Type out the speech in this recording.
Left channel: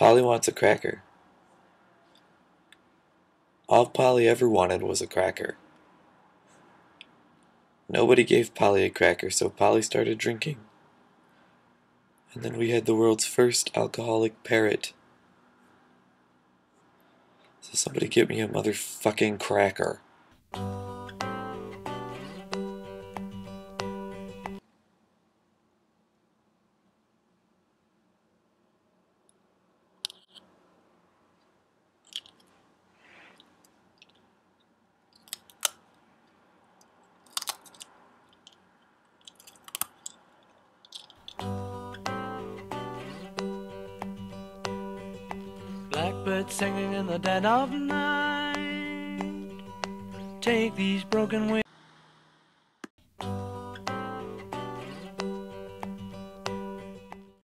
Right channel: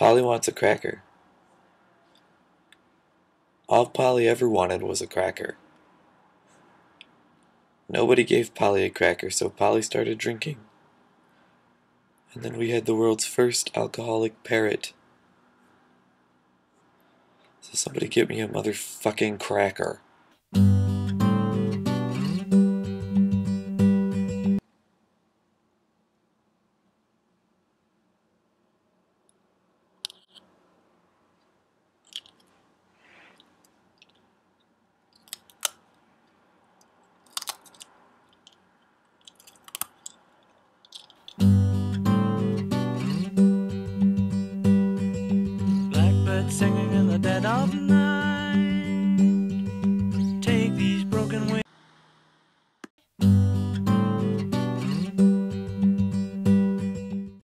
Polly wants a cracker. All Polly ever wanted was a cracker. Nobody gave Polly a cracker, so Polly started drinking. And then we had the world's first alcoholic parrot. So somebody get me a motherfucking cracker. Blackbird singing in the dead of night. Take these broken wings